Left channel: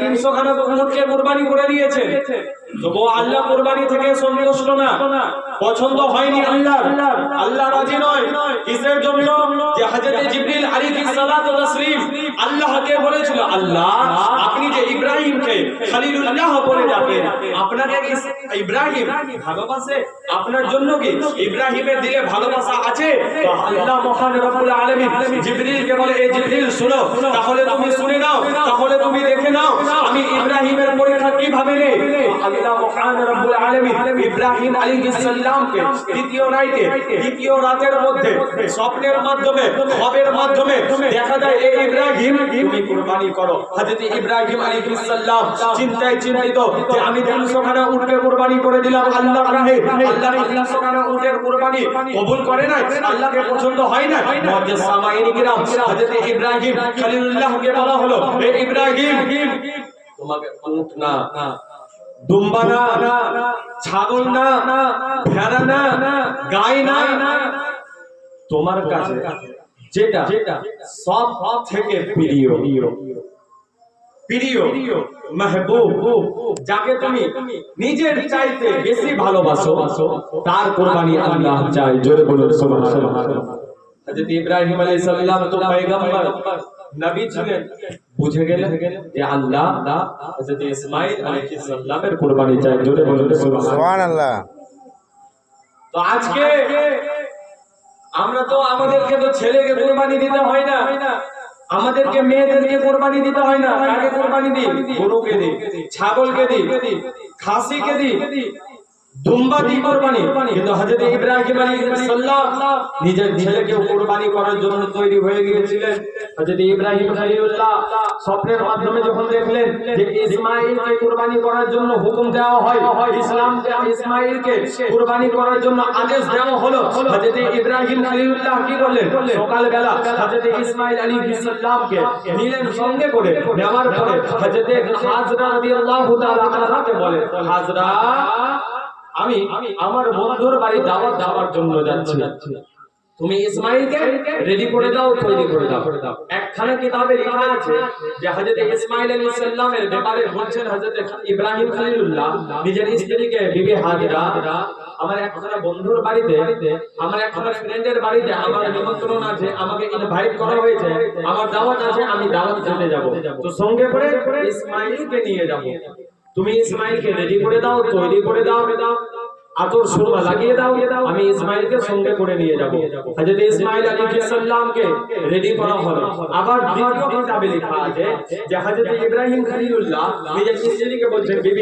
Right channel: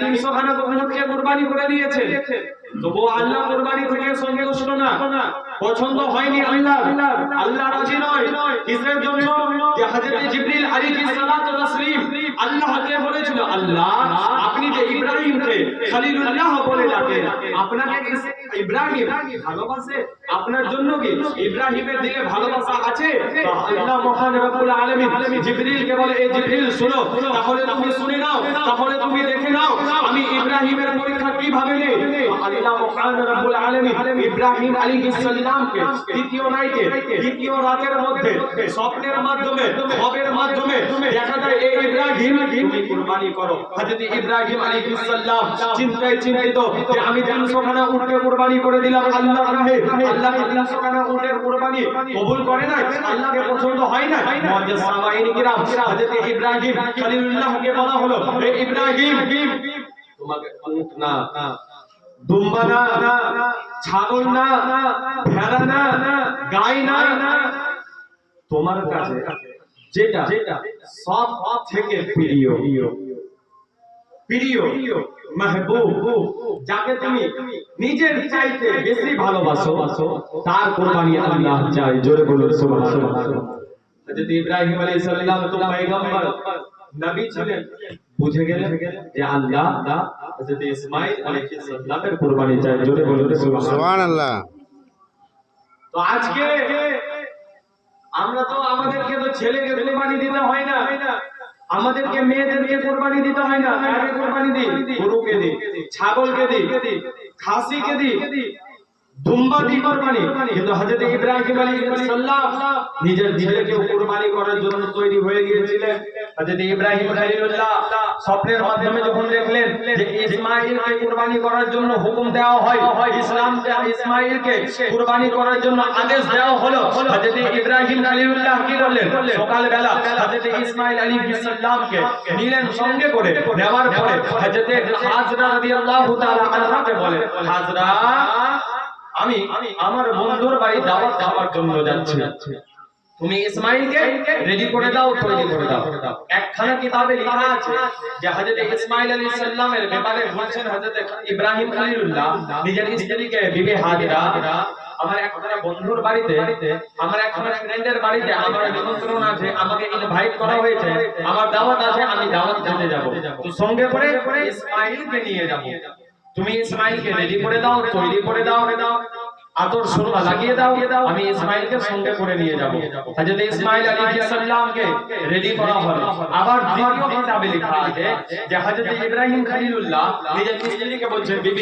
300 খানা উটকে কুরবানি করে দিয়েছে, তবুও আল্লাহ কুরবানি থেকে সন্তুষ্ট না, পছন্দ হয়নি আল্লাহ, আল্লাহ রাজি নয়। কিসের জন্য? যে হযরত জিবরিল আলাইহিস সালাতু তাসলিম আল্লাহকে বলেছিল, আল্লাহ আপনি যে ইব্রাহিমকে খলিলুল্লাহ বলে ডাকেন, আপনাকে ইব্রাহিম ভালোবাসে? আপনার জন্য কি ইব্রাহিমের দিকে ভালোবাসা আছে? তো আল্লাহ মহান রব্বুল আলামিন জিবরিলকে বলে, এই জিবরিল শুনো, তাহলে তুমি শুনে নাও, তাহলে তুমি দেখে নাও আমি ইব্রাহিমের পরীক্ষা কিভাবে নেই। আল্লাহ মহান রব্বুল আলামিন ইব্রাহিম আলাইহিস সালামকে দ্বিতীয় নাইটে, দ্বিতীয় রাতের মধ্যে স্বপ্নের মাধ্যমে, খবরের মাধ্যমে দেখা যায়, এই ইব্রাহিম তুমি কুরবানি করো। হযরত ইব্রাহিম আলাইহিস সালাম চিন্তায় চিন্তিত যে আমি 300 খানা উটকে কুরবানি করে দিলাম আল্লাহর রাহে, আল্লাহ 300 খানা উটের কুরবানি কবুল করে নাই, আল্লাহকে পছন্দ হয় না। মুআজ্জিজ সামাইন কিরাম, হযরত ইব্রাহিম খলিলুল্লাহকে বলা হলো, হে ইব্রাহিম তোমাকে উট না, দুম্বা না, ছাগল না, ভেড়া না, গাই না, তোমার কাছে যেটা সব থেকে প্রিয়, প্রিয় মাহবুব, যাকে তুমি নিজের চাইতে বেশি ভালোবাসো, তার কুরবানি আল্লাহ চায়। জোরে বলুন সুবহানাল্লাহ। হযরত ইব্রাহিম আলাইহিস সালাম তো পয়গম্বর নবী ছিলেন, বুঝে গেলেন যে আল্লাহ হযরত ইসমাঈল আলাইহিস সালামের কুরবানি চায়। জোরে বলুন সুবহানাল্লাহ। তো আজকে আমরা তো, আমাদেরকে তো ছেলেকে কুরবানি দিতে হয় না, আমাদেরকে মেয়েদেরকে কুরবানি দিতে হয় না, কাকে কুরবানি দিই? গরুকে দিই, ছাগলকে দিই, খাসিকে দিই, দুম্বা দি কুরবানি। কিন্তু হযরত ইব্রাহিম আলাইহিস সালাম নিজের ছেলেকে কুরবানি করার জন্য তৈরি হয়ে গিয়েছিলেন। হযরত ইব্রাহিম খলিলুল্লাহ স্বপ্নের মাধ্যমে যখন দেখলেন যে ইসমাঈলকে কুরবানি করার জন্য হুকুম দেওয়া হয়, ইসমাঈলকে কুরবানি করার জন্য আদেশ দেওয়া হলো, হযরত ইব্রাহিম খলিলুল্লাহ কি করলেন? সকালবেলা হযরত ইসমাঈল আলাইহিস সালামকে নিলেন সঙ্গে করে, নেওয়ার পরে হযরত হাজরা রাদিয়াল্লাহু তাআলা আনহাকে বলেন, হাজরা আমি আমার বন্ধুর বাড়ি দাওয়াত দেওয়ার জন্য যাচ্ছি, তুমি ইসমাঈলকে রেডি করে দাও, তৈরি করে দাও। একখানা কিতাবে লেখা আছে যে হযরত ইসমাঈল আলাইহিস সালামের ব্যাপারে বলছেন হযরত ইব্রাহিম খলিলুল্লাহ নিজের স্ত্রীকে, বিবি হাজরা, আমার একখানা বন্ধুর বাড়িতে, আমার একখানা ফ্রেন্ডের বাড়িতে আমার নিমন্ত্রণ আছে, আমাকে ইনভাইট করা হয়েছে, আমার দাওয়াত আছে, আমি দাওয়াত খেতে যাব, তো সঙ্গে করে ইসমাঈলকে নিয়ে যাব, তুমি ইসমাঈলকে রেডি করে দাও, তৈরি করে দাও, আতর সুরমা লাগিয়ে দাও, আমি ইসমাঈলকে সঙ্গে করে নিয়ে যাব। হযরত ইসমাঈল আলাইহিস সালামকে রেডি করা হলো। আবার দ্বিতীয় কিতাবে লেখা আছে যে হযরত ইব্রাহিম খলিলুল্লাহ নিজের স্ত্রীকে বলছেন, বিবি